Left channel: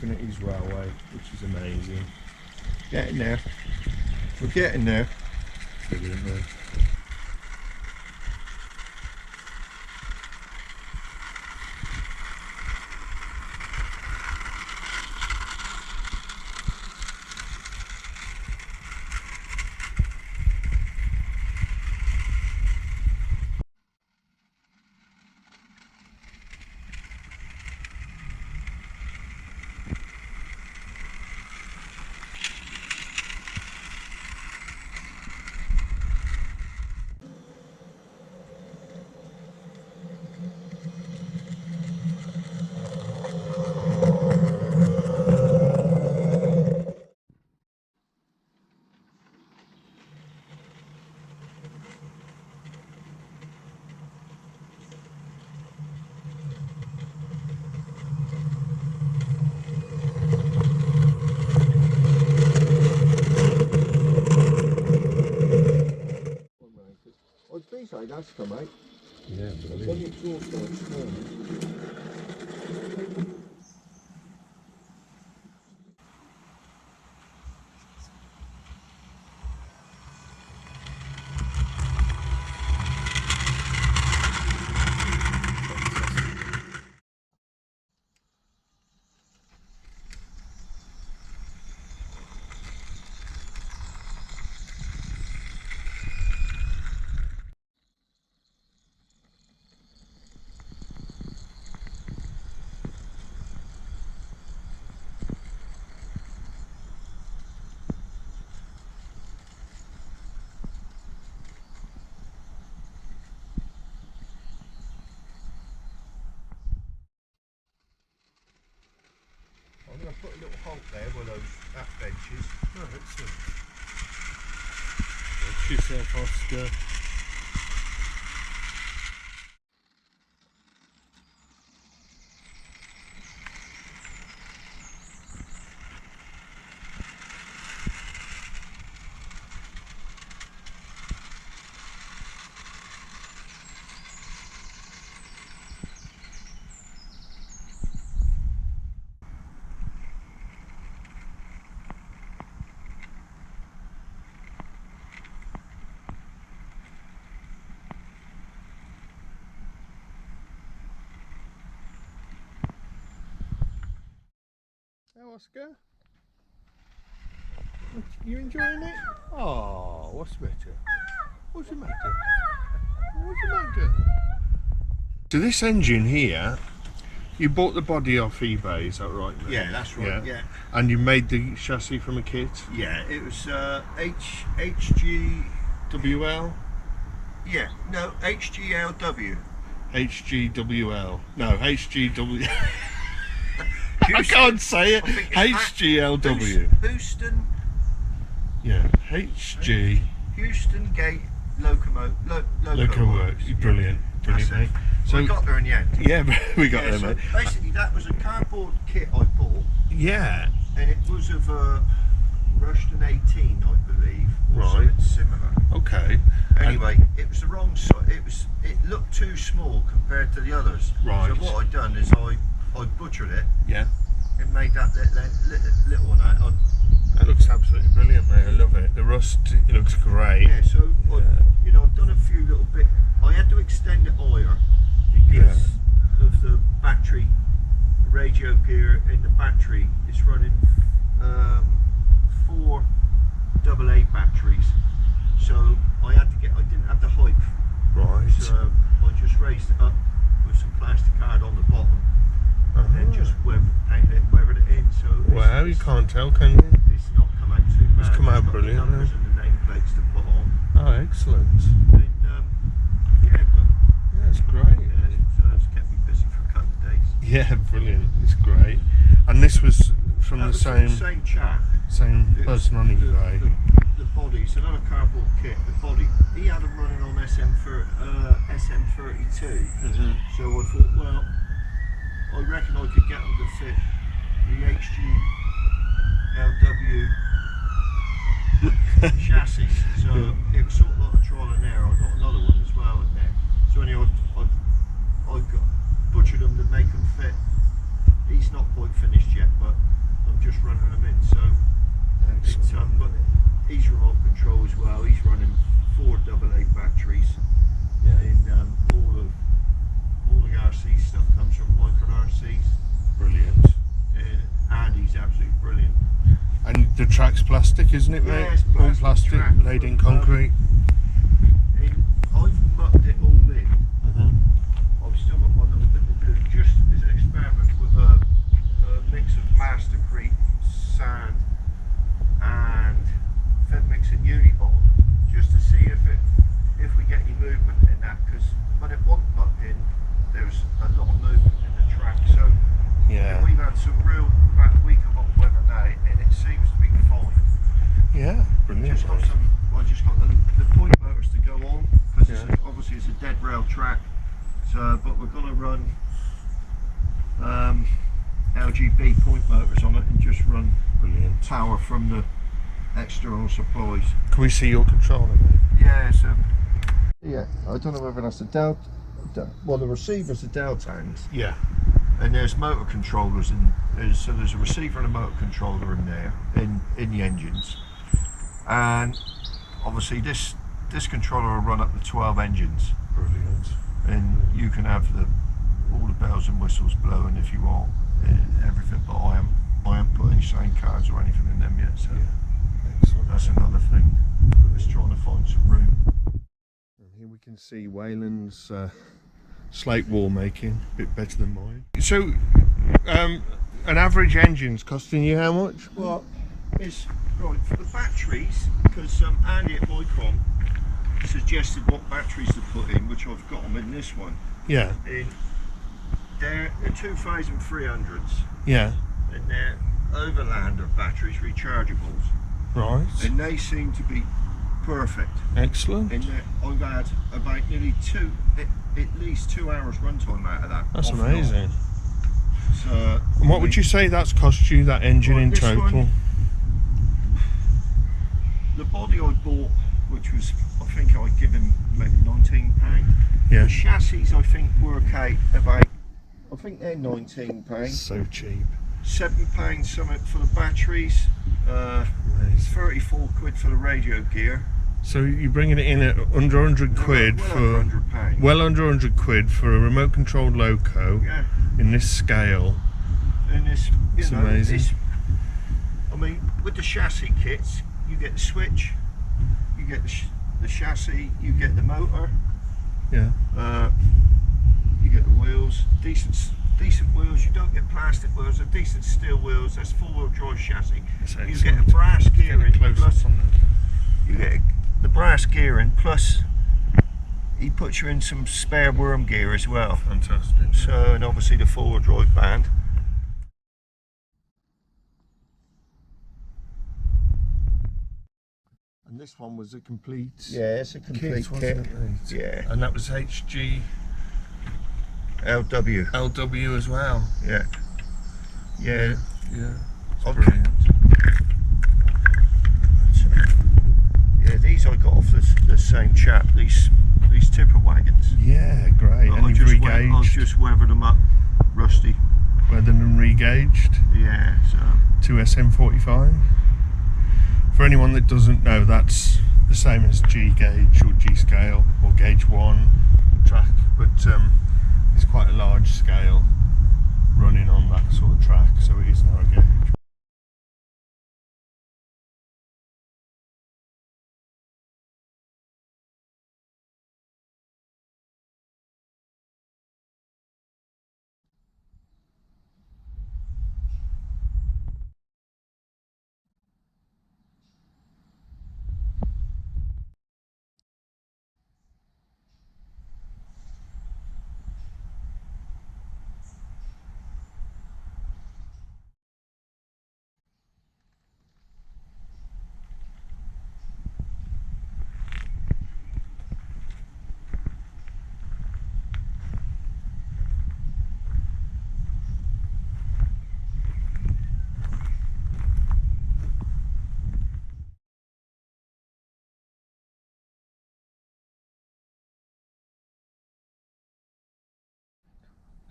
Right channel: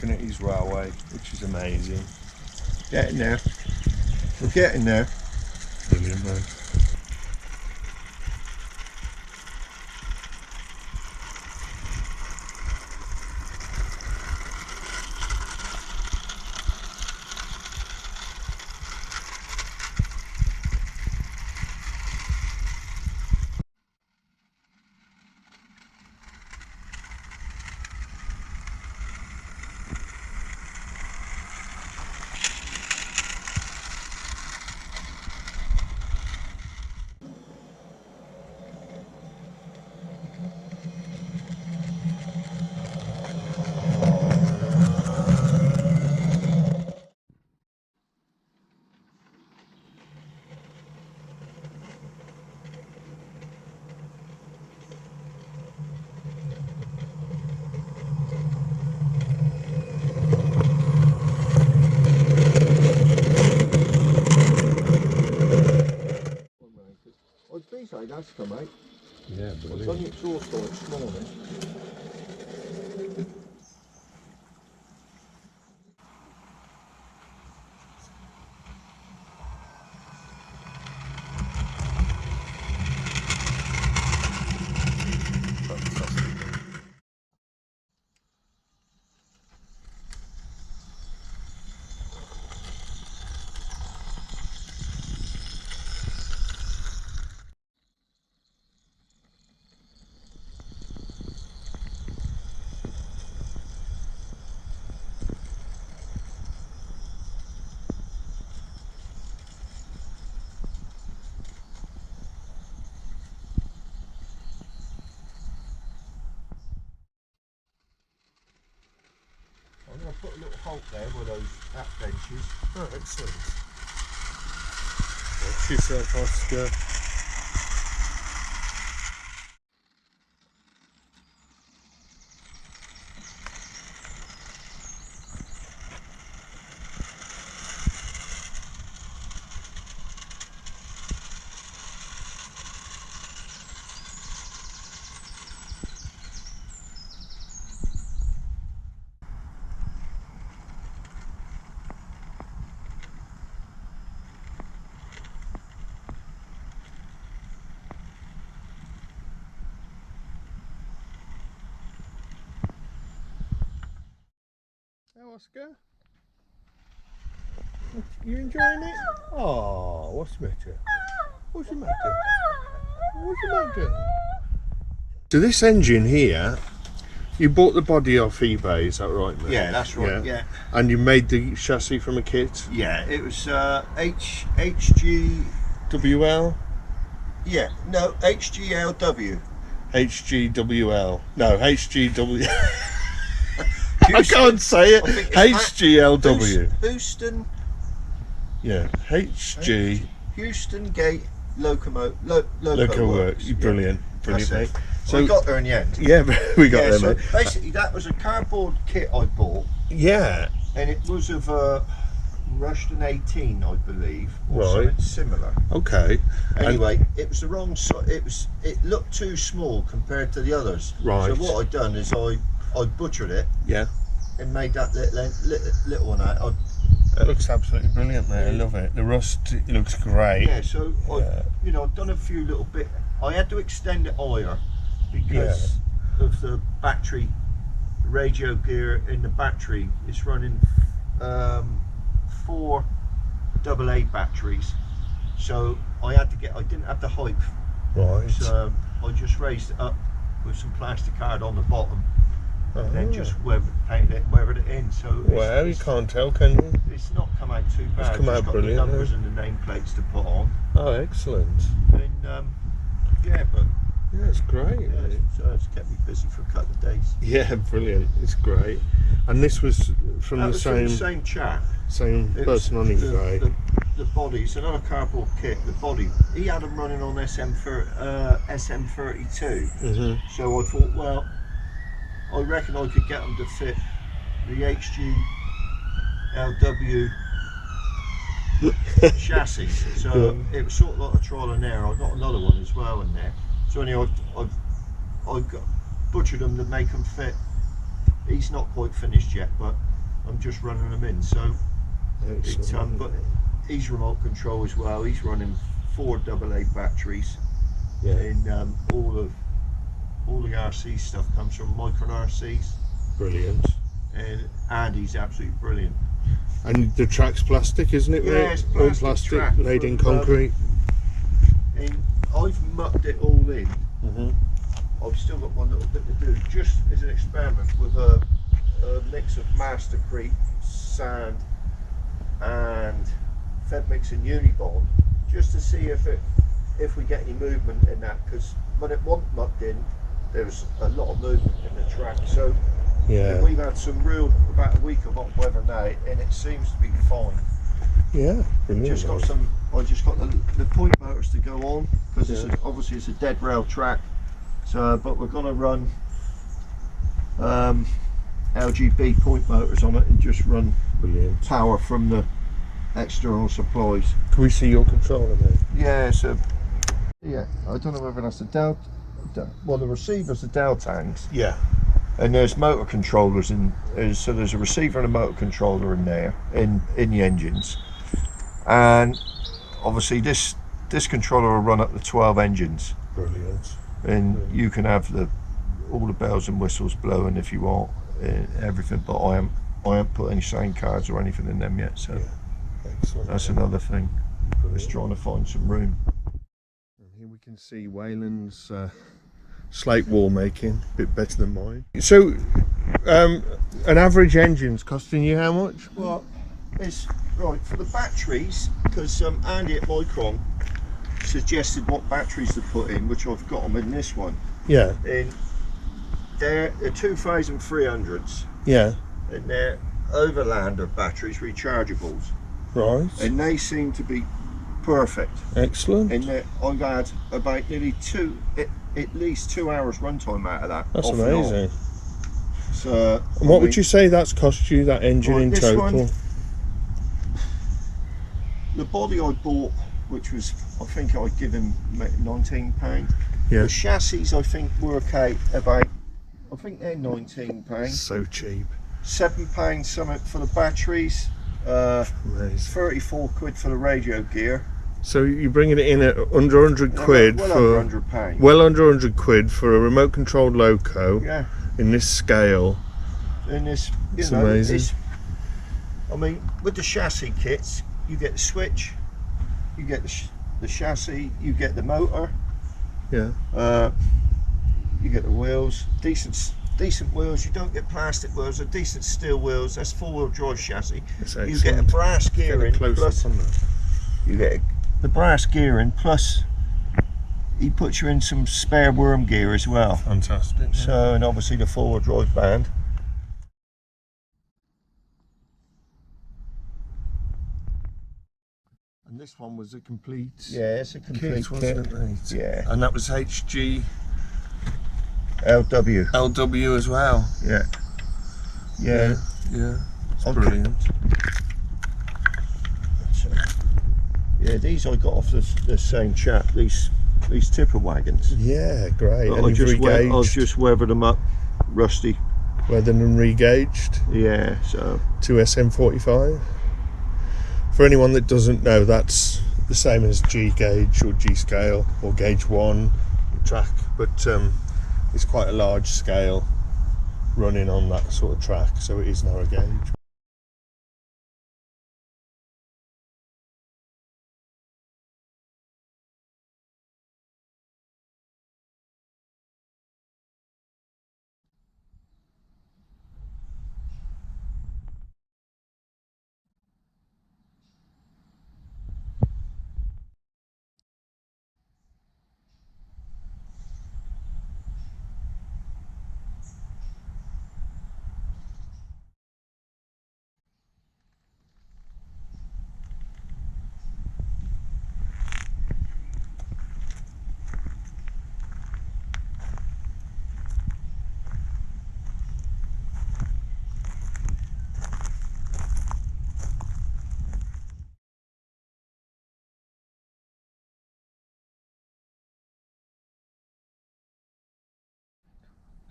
looking at his railway, which is amazing. Getting there. We're getting there. Brilliant, man. Say that's come out. Yeah, I've done the exhaust on it this morning. I'm going to put a little halt there with those app benches. Oh, excellent. Watch yourself, Oscar. Hey, Oscar. You enjoying it? Oh, what's the matter? What's the matter? What's the matter? So this engine here, you bought the body off eBay, is that right, mate? Yeah, that's right. Yeah. And you made the chassis from a kit? Yeah, it was HG. WL? Yeah, no, HGLW. HGWL. No, HGW. I can't say it. HGLW. Houston. Yeah, HG. Houston Gate Loco Works. Brilliant, brilliant, mate. So we got there in the end. Yeah, we got there, so mate. Basically, that was a cardboard kit I bought. Yeah. And it was of a Rushton 18, I believe, or something similar. Okay. Anyway, it was the wrong size. It looked too small compared to the others. Right. So what I'd done is I butchered it. Yeah. And made that little one out. It looks absolutely brilliant, mate. I love it. The rust, it looks great. Yeah. So I've done a few little bit. I had to extend it higher because of the battery, radio gear in the battery. It's running 4 AA batteries, so I didn't have the height. Right. So I just raised it up with some plastic card on the bottom. And then just painted it, weathered it in. So wow, you can't tell, can you? It's not come out too bad. It's come out brilliant. The numbers and the nameplates to put on. Oh, excellent. And yeah, it's great. Yeah, it's kept me busy for a couple of days. Yeah, brilliant. It's great. And this was from the same chap. Same person on eBay. The body's another cardboard kit. The body, he had them running on SM32. So I thought, well, I reckon I could get them to fit the HGLW chassis. So it was sort of like a trial and error. I got another one as well in there. So anyway, I got butchered them to make them fit. He's not quite finished yet, but I'm just running them in. So it's, but he's remote control as well. He's running 4 AA batteries. Yeah. And all the RC stuff comes from Micron RCs. Brilliant. And Andy's absolutely brilliant. And the track's plastic, isn't it, Yeah, mate? it's All plastic plastic, track laid in from, concrete. And I've mucked it all in. Mm-hmm. I've still got one little bit to do, just as an experiment with a mix of Mastercrete, sand, and Fed mix and Unibond, just to see if we get any movement in that. Because when it wasn't mucked in, there was a lot of movement in the track. So Yeah. we've had about a week of hot weather now, and it seems to be fine. Yeah, brilliant. Just got mate. I just got the point motors to go on, because Yeah. obviously it's a dead rail track. So, but we're going to run LGB point motors on it and just run Brilliant. power from the external supplies. Can we see your controller, mate? Yeah, so yeah, I don't know whether that's the well, the receiver's the Dell tanks, Yeah. and there's motor controllers so there's a receiver and a motor controller in there in the engines, and obviously this controller will run up to 12 engines. Brilliant. And you can have all the bells and whistles blowing if you want, everything. But I haven't put any sound cards or anything in them yet. So Yeah. Excellent. that's another thing. Brilliant. Just trying to find some room. And here we can see Weyland's slate wall making, a bit better than mine. So, an average engine's costing you how much? Well, it's right for the batteries, because Andy at Micron suggested what batteries to put in, which I've got them in this one. Yeah. And they're 2300s, Yeah. and they're Overlander batteries, rechargeables, Right. and they seem to be perfect. Excellent. And I've had about nearly at least 2 hours runtime out of that. That's off and on. amazing. So, And what would you say that's cost you, that engine Well, in this total? one- the body I bought, which was, I think I'd give him £19. Yeah. The chassis I think work out about, I think they're £19. So cheap. £7 something for the batteries. Amazing. 34 quid for the radio gear. So you're bringing it in at under 100 quid well for under £100. well under 100 quid for a remote controlled loco Yeah. in this scale. And this, It's amazing. I mean, with the chassis kits, you get the switch, you get the chassis, you get the motor, Yeah. you get the wheels, decent wheels. You don't get plastic wheels, they're decent steel wheels. That's 4-wheel drive chassis. That's You excellent. get a brass Get a gearing, close plus up on that. you get the brass gearing, plus he puts you in some spare worm gear as well. Fantastic. So, and obviously the 4-wheel drive band. And this one was a complete Yeah, it's a complete kit, wasn't it, mate? Yeah. And that was HG LW. LW as well. Yeah. Yeah. Yeah. It's Okay. brilliant. Yeah, these I got off the same chap. These tipper wagons. Yeah, great. But And I you've I've just weathered them up, rusty. weathered and re-gauged Yeah. So to SM45. For anyone that doesn't know, that's the same as G gauge or G scale or gauge 1 track, but it's quite a large scale running on that sort of track, so it is narrow gauge.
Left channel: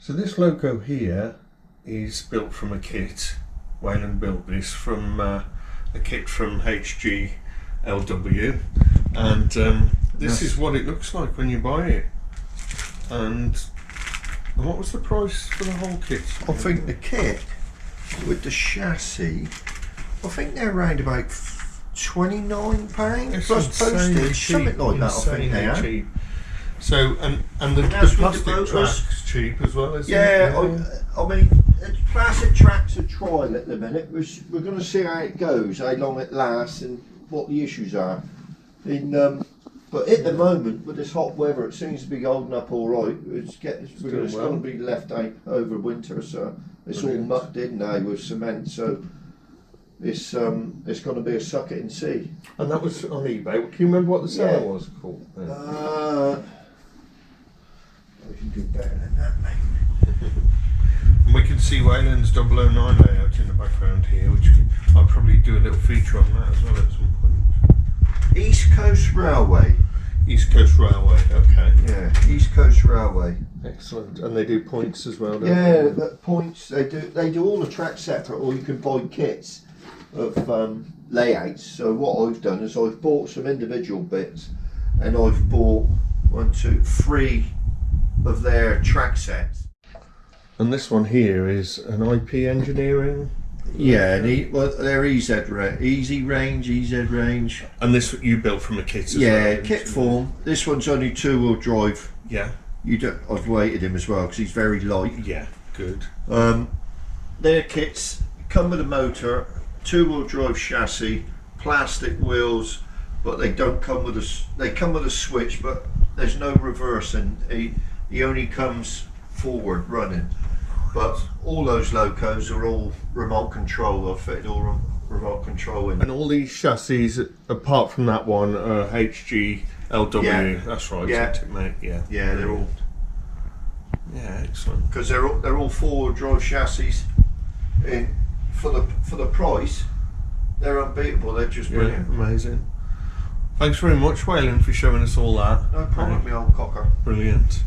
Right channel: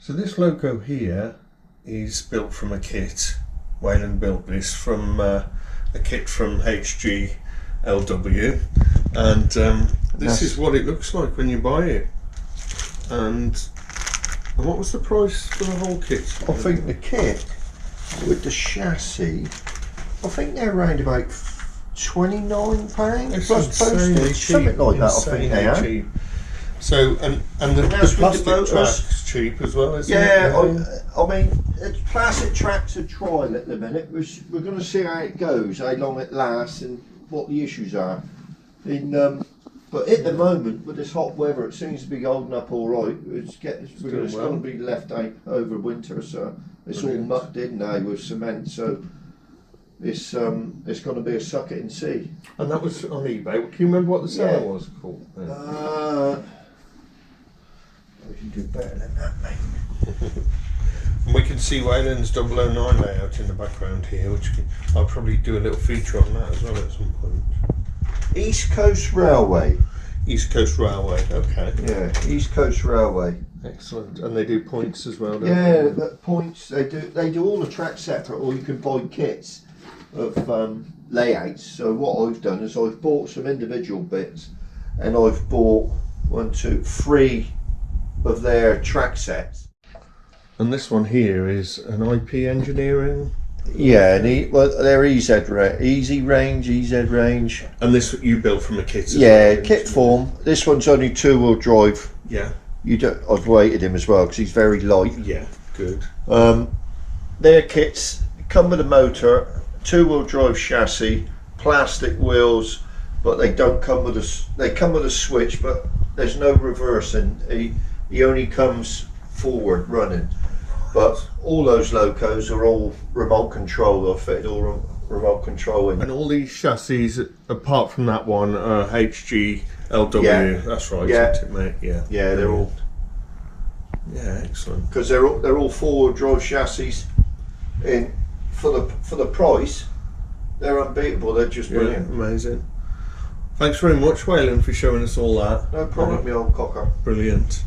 So this loco here is built from a kit Weyland built this from a kit from HGLW, and this is what it looks like when you buy it. And what was the price for the whole kit? I think the kit with the chassis, I think they're around about £29 plus postage, something like that. I think they are. Cheap. So and the plastic track's cheap as well, isn't it? Yeah, I mean, plastic tracks are trial at the minute. We're going to see how it goes, how long it lasts, and what the issues are. But at the moment, with this hot weather, it seems to be holding up all right. It's going to be left out over winter, so it's all mucked in now with cement. So it's going to be a suck it and see. And that was on eBay. Can you remember what the seller was called? We can do better than that, mate. And we can see Weyland's 009 layout in the background here, which I'll probably do a little feature on that as well at some point. East Coast Railway. East Coast Railway, okay. Yeah, East Coast Railway. Excellent. And they do points as well, don't yeah, they? the points, they do all the tracks separate, or you can buy kits of layouts. So what I've done is I've bought some individual bits, and I've bought 3 of their track sets. And this one here is an IP engineering. Yeah, and they're EZ range. And this you built from a kit as Yeah, well, kit form. This one's only 2-wheel drive. Yeah. I've weighted him as well because he's very light. Yeah, good. Their kits come with a motor, 2-wheel drive chassis, plastic wheels, but they don't come with they come with a switch, but there's no reverse, and he only comes forward running. But all those locos are all remote control. I've fitted all remote control in. And all these chassis, apart from that one, are HGLW. Yeah. That's right, Yeah. isn't it, mate? Yeah. Yeah, they're all. Yeah, excellent. Because they're all 4-wheel drive chassis. In for the price, they're unbeatable. They're just brilliant. Yeah, amazing. Thanks very much, Weyland, for showing us all that. No problem, me old cocker. Brilliant.